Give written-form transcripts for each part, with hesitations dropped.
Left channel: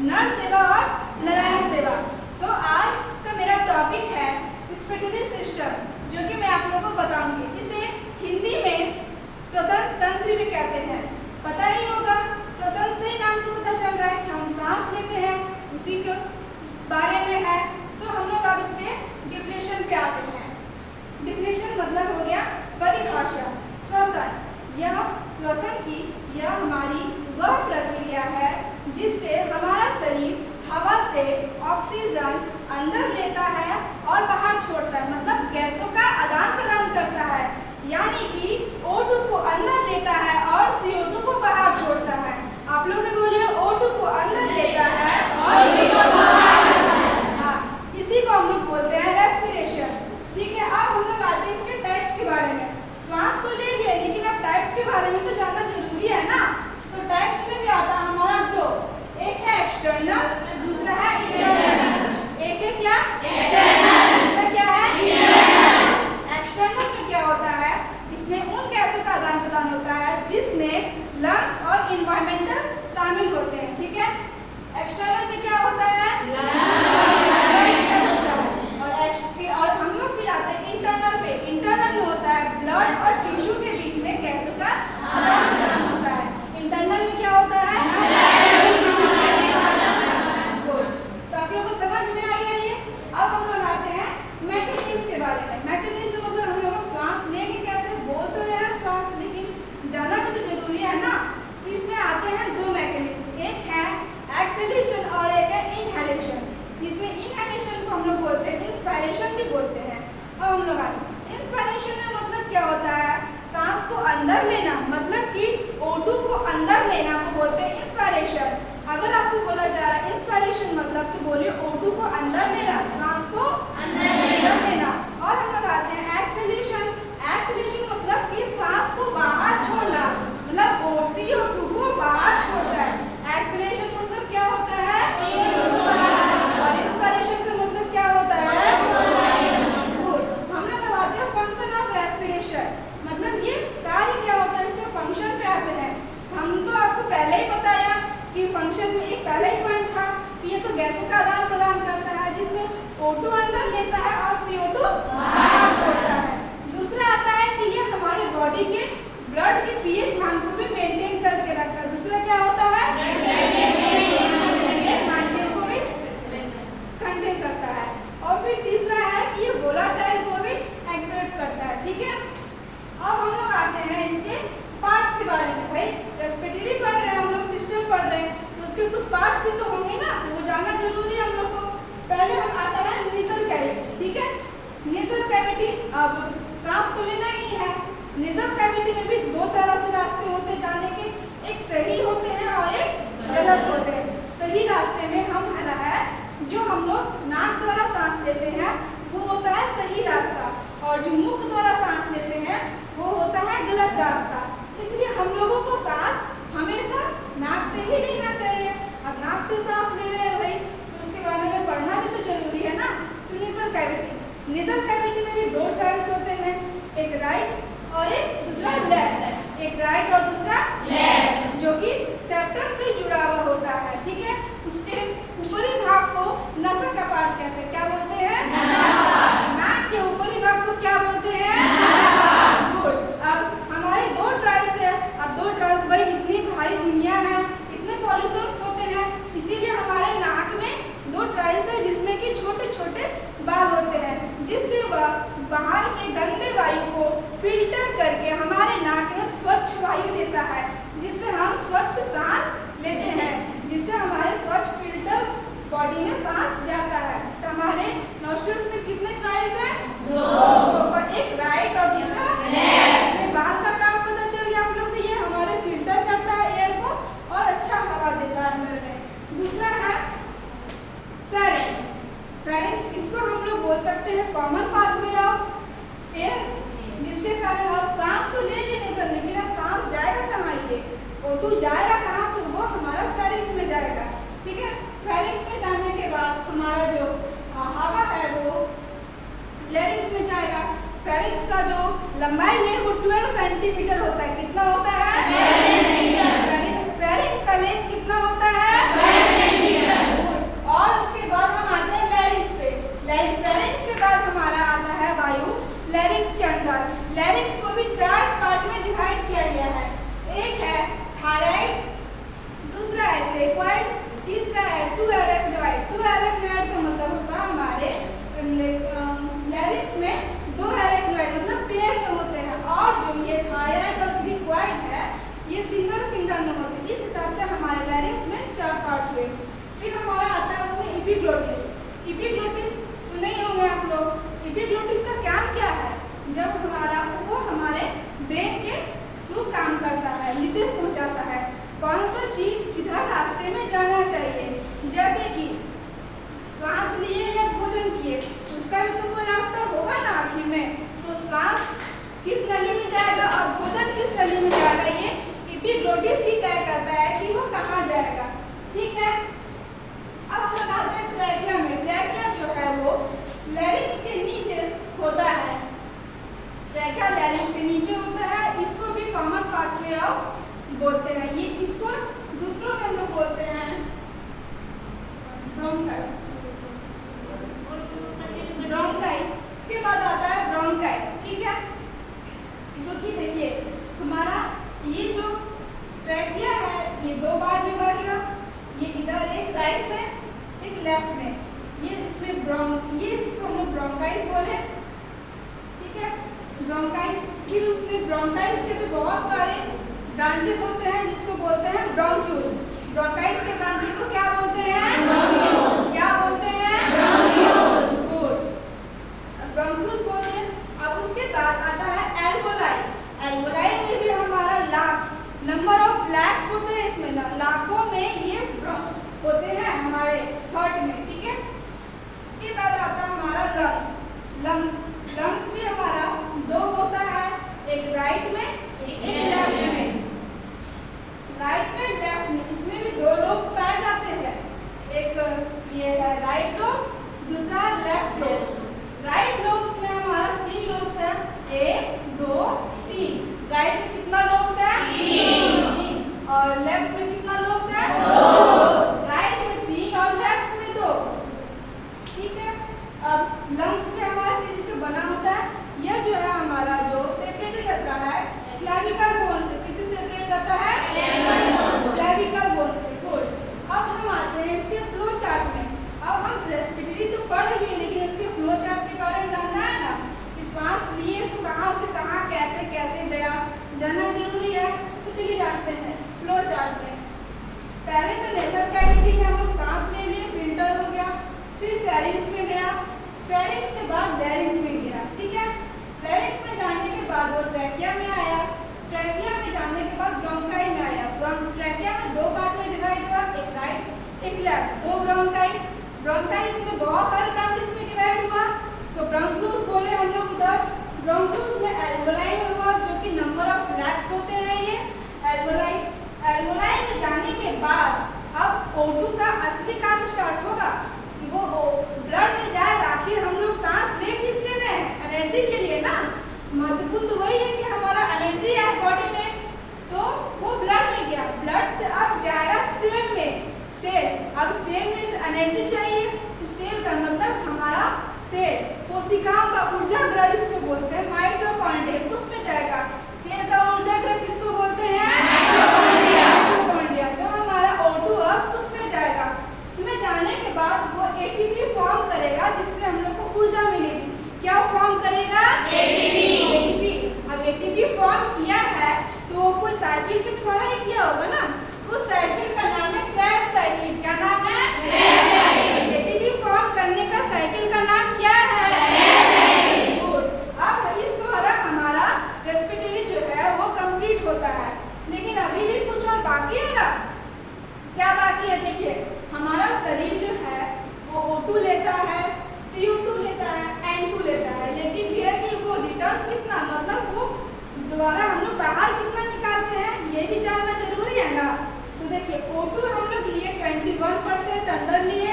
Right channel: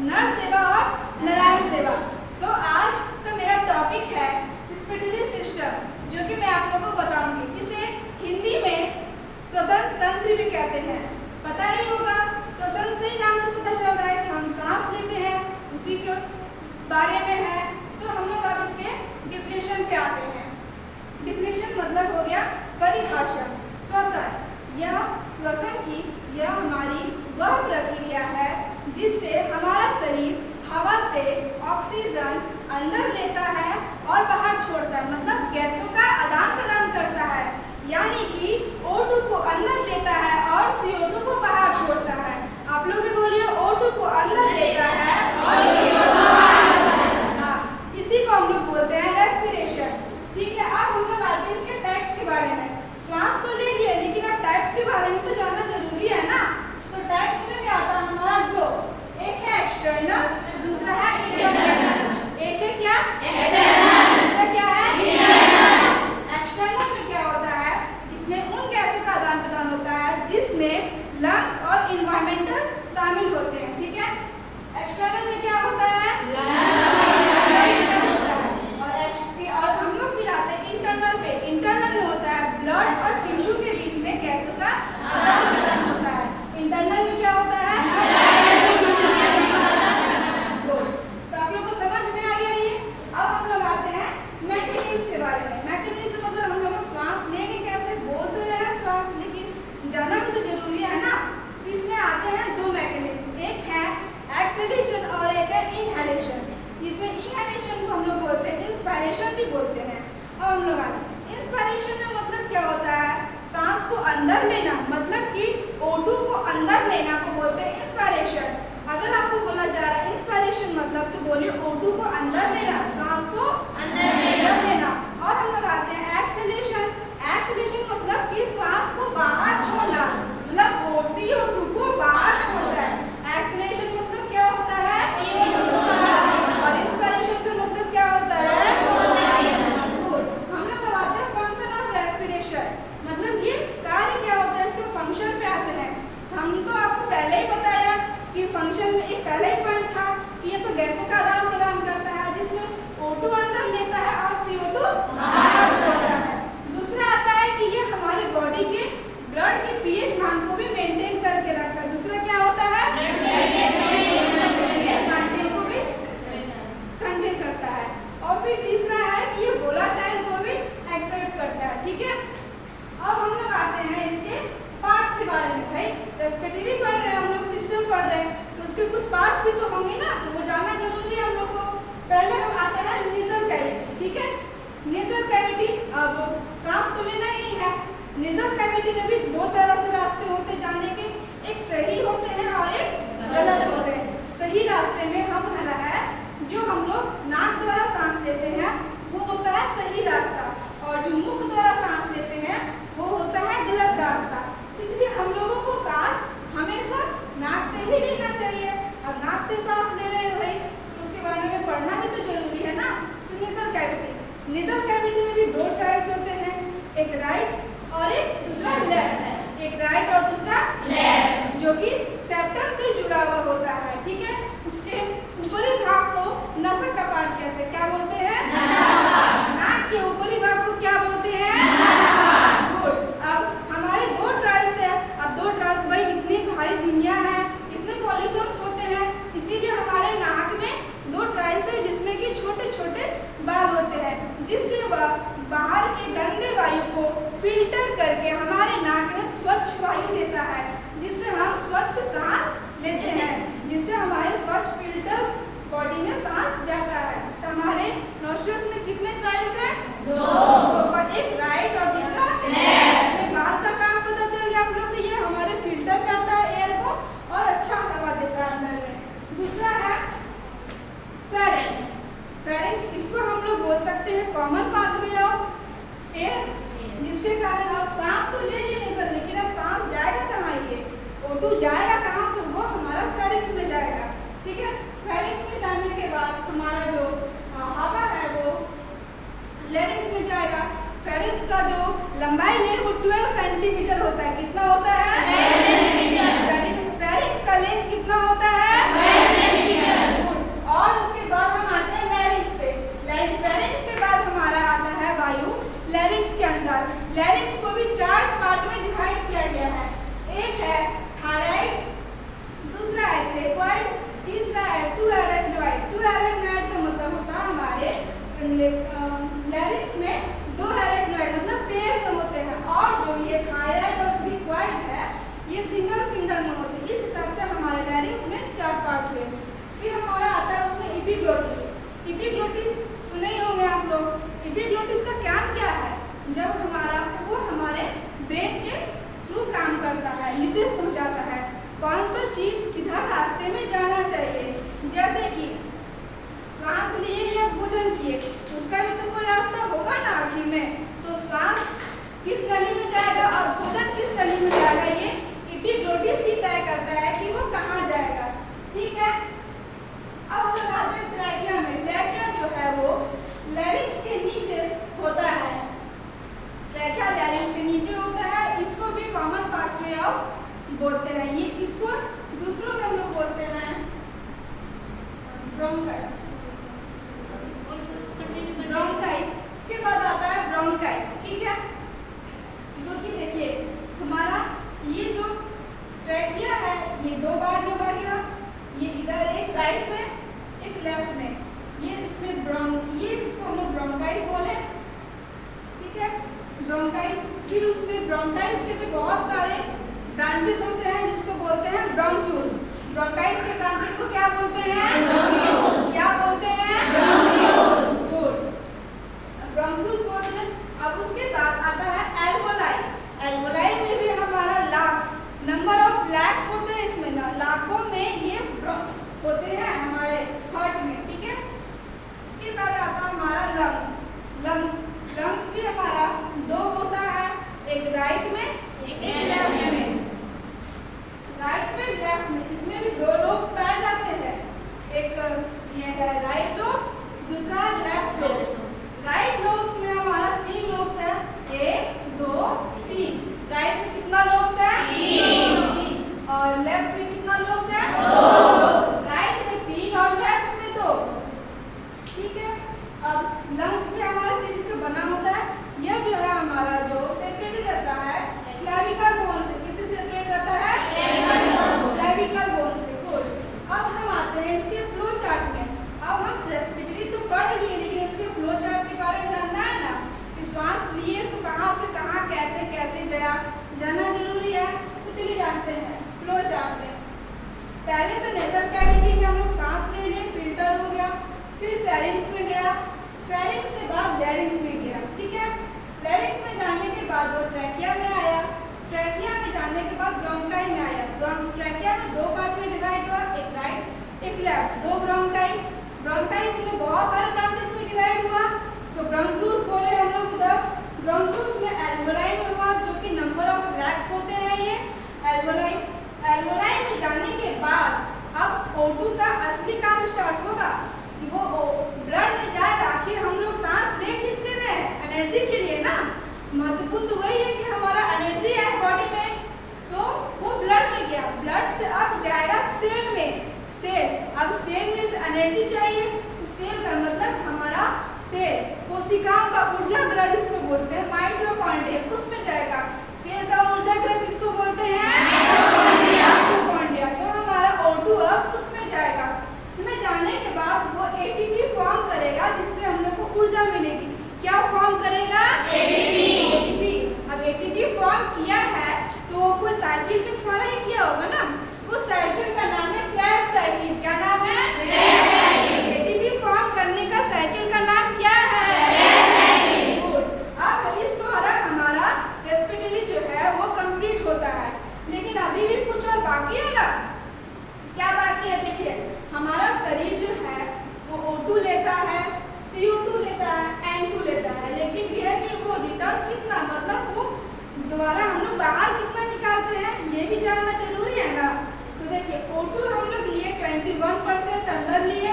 नर सेवा और नारायण सेवा। आज का मेरा टॉपिक है रेस्पिरेटरी सिस्टम, जो कि मैं आप लोगों को बताऊंगी। इसे हिंदी में श्वसन तंत्र भी कहते हैं। पता ही होगा, श्वसन से नाम से पता चल रहा है कि हम सांस लेते हैं, उसी के बारे में है। हम लोग अब इसके डिफिनेशन पे आते हैं। डिफिनेशन मतलब हो गया परिभाषा। श्वसन, यह श्वसन की यह हमारी वह प्रक्रिया है जिससे हमारा शरीर हवा से ऑक्सीजन अंदर लेता है और बाहर छोड़ता है, मतलब गैसों का आदान प्रदान करता है। यानी कि O2 को अंदर लेता है और CO2 को बाहर छोड़ता है। आप लोग भी बोलिए, O2 को अंदर लेता है और CO2 को बाहर छोड़ता है। हाँ, इसी को हम लोग बोलते हैं रेस्पिरेशन। ठीक है, अब हम लोग आते हैं इसके टाइप्स के बारे में। श्वास तो ले लिए, लेकिन अब टाइप्स के बारे में तो जानना जरूरी है ना। तो टाइप्स में भी आता है हमारा दो, एक है एक्सटर्नल, दूसरा है इंटरनल। एक है क्या? एक्सटर्नल। दूसरा क्या है? इंटरनल। एक्सटर्नल में क्या होता है? इसमें उन गैसों का आदान प्रदान होता है जिसमें लंग्स और इन्वायरमेंटल शामिल होते हैं। ठीक है, एक्सटर्नल में क्या होता है? और हम लोग फिर आते हैं इंटरनल पे। इंटरनल में होता है ब्लड और टिश्यू के बीच में गैसों का आदान प्रदान होता है। इंटरनल में क्या होता है? तो आप लोगों को समझ में आ गया ये। अब हम लोग आते हैं मैकेनिज्म के बारे में। मैकेनिज्म मतलब हम लोग श्वास लेंगे कैसे, बोल तो रहे हैं श्वास, लेकिन जाना भी तो जरूरी है ना। तो इसमें आते हैं दो मैकेनिज्म, एक है एक्सहेलेशन और एक है इनहेलेशन। इसमें इनहेलेशन को हम लोग बोलते हैं इंस्पायरेशन भी बोलते हैं। और हम लोग आते हैं इंस्पायरेशन में मतलब क्या होता है? सांस को अंदर लेना, मतलब कि O2 को अंदर लेना को बोलते हैं इंस्पायरेशन। अगर आपको बोला जा रहा है इंस्पायरेशन मतलब, तो बोलिए O2 को अंदर लेना, सांस को अंदर लेना। और हम लोग आते हैं एक्सहेलेशन। एक्सहेलेशन मतलब कि श्वास को बाहर छोड़ना, मतलब CO2 को बाहर छोड़ता है। एक्सहेलेशन मतलब क्या होता है? और इंस्पायरेशन का मतलब क्या होता है? हम लोग अब आते हैं फंक्शन ऑफ रेस्पिरेशन, मतलब ये कार्य क्या होता है, इसके फंक्शन पे आते हैं। हम तो आपको पहले ही बताया कि फंक्शन में एक पहला ही पॉइंट था कि ये तो गैसों का आदान प्रदान करता है जिसमें O2 अंदर लेता है और CO2 बाहर छोड़ता है। दूसरा आता है कि ये हमारे बॉडी के ब्लड के पीएच मान को भी मेंटेन करके रखता है। दूसरा क्या होता है? पीएच मान को भी कंटेन करता है। और फिर तीसरा है कि ये वोलेटाइल को भी एक्सर्ट करता है। ठीक है, अब हम लोग आते हैं इसके पार्ट्स के बारे में। भाई रेस्पिरेटरी पढ़ रहे हैं हम लोग, सिस्टम पढ़ रहे हैं, तो उसके कुछ पार्ट्स भी तो होंगे ना, तो वो जानना जरूरी है हम लोग को। पहले हम आता है नेजल कैविटी। ठीक है, नेजल कैविटी, अब सांस तो लेना ही है। नेजल कैविटी में भी दो तरह से रास्ते होते हैं जाने के, एक सही होते हैं और एक गलत होते हैं। सही रास्ते में हम है जो हम लोग नाक द्वारा सांस लेते हैं वो होता है सही रास्ता, और जो मुख द्वारा सांस लेते हैं वो होता है गलत रास्ता। इसलिए हम लोगों को सांस हमेशा नाक से ही लेना चाहिए। अब नाक से सांस ले रहे हैं भाई, तो उसके बारे में पढ़ना भी तो जरूरी है ना। तो नेजल कैविटी, नेजल कैविटी में भी दो टाइप्स होते हैं, एक राइट और एक दूसरा लेफ्ट। एक राइट और दूसरा लेफ्ट, जो कि सेप्टम से जुड़ा हुआ होता है। ठीक है, उसके ऊपरी भाग को नसा का पार्ट कहते हैं। क्या बोलते हैं? नाक के ऊपरी भाग को क्या बोलते हैं? गुड। अब हमारे दो ट्राइल्स है। अब दो ट्राइल्स, भाई इतनी भारी दुनिया है, इतने पॉल्यूशंस होते हैं, इसीलिए हमारे नाक में दो ट्राइल्स है जिसमें कि छोटे छोटे बाल होते हैं, जिससे वह बाहर के गंदे वायु को फिल्टर करके हमारे नाक में स्वच्छ वायु देता है, जिससे हम स्वच्छ सांस लेते हैं, जिससे हमारे स्वच्छ फिल्टर बॉडी में सांस जाता है। तो हमारे नोस्ट्रिल्स में कितने ट्राइल्स हैं? दो। एक राइट और दूसरा लेफ्ट। इसमें बाल का काम पता चल गया आप लोग को, ये हमारे फिल्टर करता है एयर को और अच्छा हवा देता है अंदर में। दूसरा है फेरिंक्स। फेरिंक्स, इसको हम लोग बोल सकते हैं कॉमन पाथवे ऑफ एयर, जिसके कारण आप सांस तो ले लेने, लेकिन अब सांस जाएगा कहाँ? ये O2 जाएगा कहाँ? तो वो हमारा फेरिंक्स में जाएगा। ठीक है, फेरिंक्स में जाने के बाद हमारा जो हवा है वो लैरिंक्स में जाएगा। फेरिंक्स का जो लंबाई है वो 12 सेंटीमीटर होता है। कितना होता है? फेरिंक्स का लेंथ कितना होता है? 12 सेंटीमीटर। इपिग्लोटिस। इपिग्लोटिस सुने ही होंगे आप लोग। इपिग्लोटिस का काम क्या है? जब वो हमारे ब्रेन के थ्रू काम करता है, निर्देश पहुंचाता है कौन सा चीज किधर रास्ते में जाना चाहिए। जैसे कि श्वास लिए या भोजन किए, उसका भी तो कोई रास्ता होगा ना आखिर में। तो श्वास किस नली में जाएगा और भोजन किस नली में जाएगा, ये इपिग्लोटिस ही तय करता है कि वो कहाँ जाएगा। ठीक है, अब हम लोग आते हैं ट्रैकिया में। ट्रैकिया जो है वो लैरिंक्स के नीचे होता है। ट्रैकिया लैरिंक्स के नीचे होता है। इसको भी कॉमन पाथवे ऑफ बोलते हैं। ये इसको दूसरों में हम लोग बोलते हैं ब्रोंकाई। ब्रोंकाई। इसके बाद आता है ब्रोंकाई। ठीक है, जो कि देखिए हमारा ये जो ट्रैकिया है ये दो बार में बन गया। ये इधर एक राइट में एक लेफ्ट में। ये इसमें ये इसको हम लोग ब्रोंकाइस बोले। ठीक है, ब्रोंकाइस। फिर उसमें ब्रोंकाइस के भी बहुत सारे ब्रांचेस होते हैं जिसको बोलते हैं ब्रोंक्यूल्स। ब्रोंकाइस के ब्रांचेस को क्या बोलते हैं? ब्रोंक्यूल्स। क्या बोलते हैं? ब्रोंक्यूल्स। गुड, ब्रोंक्यूल्स बोलिए। अब उसके बाद आता है एल्वोलाई। एल्वोलाई में भी हमारा लाख्स नंबर ऑफ लैक्स होते हैं। इसमें लाखों में ये होते हैं हमारे हार्ट में। ठीक है, इसके बाद आता है हमारा लंग्स। लंग्स भी हमारा दो होता है, एक राइट में एक लेफ्ट में। राइट में लेफ्ट में इसमें भी दो लोब्स पाए जाते हैं। एक ये है राइट लोब्स, दूसरा लेफ्ट लोब्स। राइट लोब्स में हमारा 3 लोब्स है, 1 2 3। राइट में कितना लोब्स है? 3। और लेफ्ट में कितना लोब्स है? 2। राइट में 3 और लेफ्ट में 2। ठीक है, अब लंग्स में हमारा किस का बना होता है? यह जो है हमारा जो सेपरेटेड रहता है क्लेविकल बोन से। किससे सेपरेट रहता है? क्लेविकल बोन से। गुड, अब हम आते हैं इसके फ्लो चार्ट में। अब हम रेस्पिरेटरी तो पढ़ लिए, लेकिन इसके फ्लो चार्ट के बारे में जानना है ना कि श्वास लिए तो कहाँ से कहाँ कैसे कैसे गया, जानना जरूरी है। तो चलिए जानते हैं फ्लो चार्ट में। पहले तो नेजल कैविटी में हम लोग सांस ले लिए, फिल्टर हो गया। फिर फेरिंग्स में गया, फेरिंग्स के बाद लैरिंग्स में गया। ठीक है, लैरिंग्स में जाने के बाद वो ट्रैकिया में आया। ट्रैकिया में जाने के बाद ब्रोंकाई में आया। ट्रैकिया में 2 पार्ट में डिवाइड हुआ, एक राइट एक लेफ्ट। 2 ब्रोंकाई। ब्रोंकाई इसमें बहुत सारे ब्रांचेस में डिवाइड हुआ। इसको ब्रोंक्यूल्स बोले हम लोग इधर। ब्रोंक्यूल्स में एल्वोलाई में हुआ, जो कि नंबर ऑफ लैक्स होते हैं ये एल्वोलाई। एल्वोलाई में जाने के बाद अब O2 का असली काम स्टार्ट होगा। वो ब्लड में जाएगा। आखिर हम लोग सांस ले किसके रहे हैं? एनर्जी के लिए ना। महत्वपूर्ण तो वही है कि हमारा एनर्जी है बॉडी में, तो वो ब्लड में गया। ब्लड से अब जाएगा सेल में। सेल, अब सेल में एनर्जी चाहिए, तो सेल का मतलब हमारा सेल, कोशिकाओं का ऊर्जा गृह जिसको बोलते हैं माइटोकॉन्ड्रिया, उसमें जाएगा। सेल का ऊर्जा गृह किसको बोलते हैं? माइटोकॉन्ड्रिया। तो हमारा O2 अब उसमें जाएगा। इसमें जाने के बाद वो एटीपी फॉर्म करेगा, जिससे हम लोग को ऊर्जा मिलेगी। क्या फॉर्म करेगा? एटीपी। अब एटीपी फॉर्म किया है तो कोई साइकिल के द्वारा ही किया होगा ना। उस साइकिल का नाम है क्रेब्स साइकिल। क्या नाम है? Krebs cycle. एटीपी फॉर्म करने का साइकिल का नाम क्या है? Krebs cycle. गुड, अब इस द्वारा हमारा रेस्पिरेटरी जो है वो कंप्लीट होता है। लेकिन अभी भी कुछ और बाकी है ना। क्या बाकी है? देखिए हमारा शरीर जो है वो O2 लेता है, CO2 लेता है, N2 लेता है। लेकिन यह कि वो रिटर्न कितना, मतलब वो दोबारा हम लोग बाहर कितना निकालते हैं, ये भी जानना जरूरी है ना। तो देखिए O2 हम लोग लिए 21% अंदर लिए,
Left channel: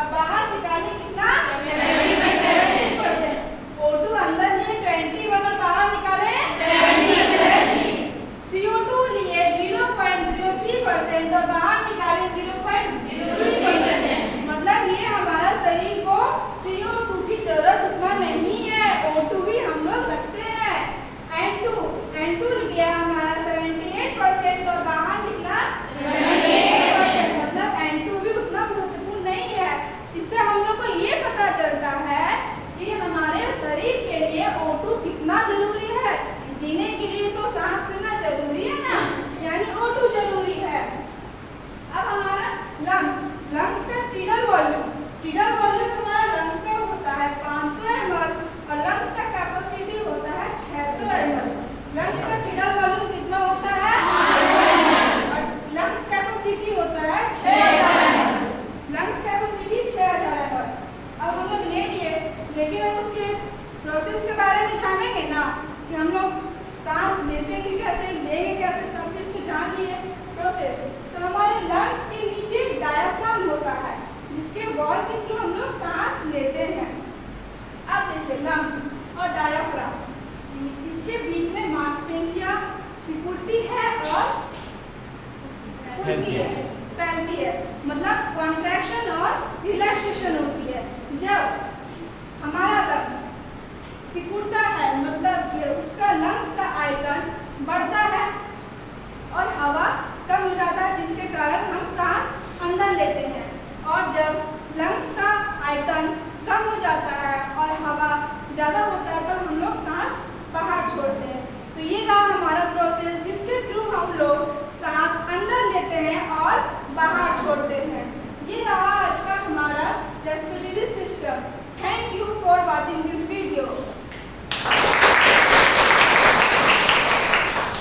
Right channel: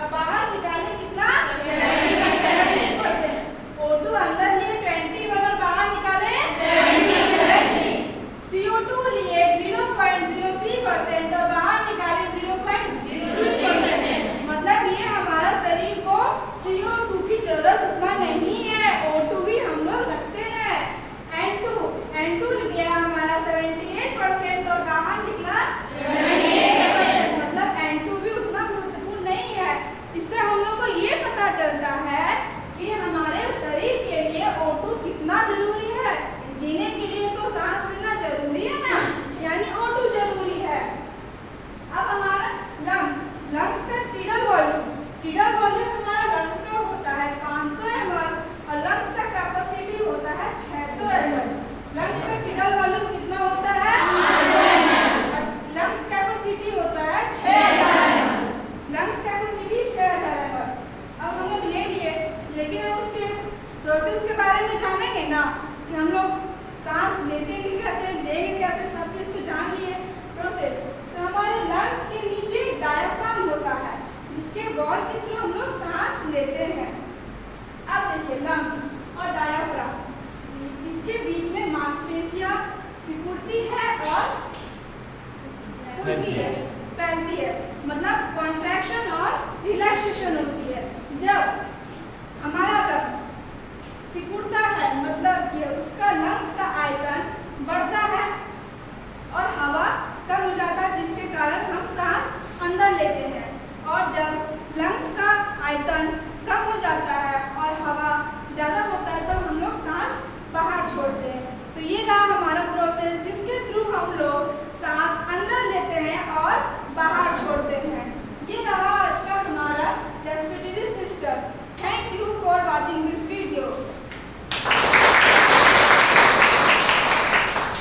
अब बाहर निकाले कितना? 70%। O2 अंदर लिए 21 और बाहर निकाले 70। CO2 लिए 0.03% और बाहर निकाले 0.03%। मतलब ये हमारा शरीर को CO2 की जरूरत उतना नहीं है, O2 भी हम लोग रखते हैं। N2 लिया हमारा 78% और बाहर निकला 78%। मतलब N2 भी उतना महत्वपूर्ण नहीं है। इससे हम लोग को ये पता चलता है कि हमारे शरीर के लिए O2 कि हम लोग सांस लेते हैं कैसे, लेंगे कैसे, सब चीज़ तो जान लिए प्रोसेस। तो हमारे लंग्स के नीचे डायफ्राम होता है जिसके वॉल के थ्रू हम लोग सांस लेते हैं। अब देखिए लंग्स और डायफ्राम, इसके बीच में मांसपेशियां सिकुड़ती है और फैलती है, मतलब कॉन्ट्रैक्शन और रिलैक्सेशन होती है। जब हमारा लंग्स सिकुड़ता है मतलब कि उसका लंग्स का आयतन बढ़ता है और हवा कम हो जाता है जिसके कारण हम सांस अंदर लेते हैं। और जब लंग्स का आयतन कम हो जाता है और हवा ज़्यादा होता है तब हम लोग सांस बाहर छोड़ते हैं। तो ये रहा हमारा प्रोसेस जिसके थ्रू हम लोग सांस अंदर लेते हैं और बाहर छोड़ते हैं। ये रहा आज का हमारा respiratory system. Thank you for watching this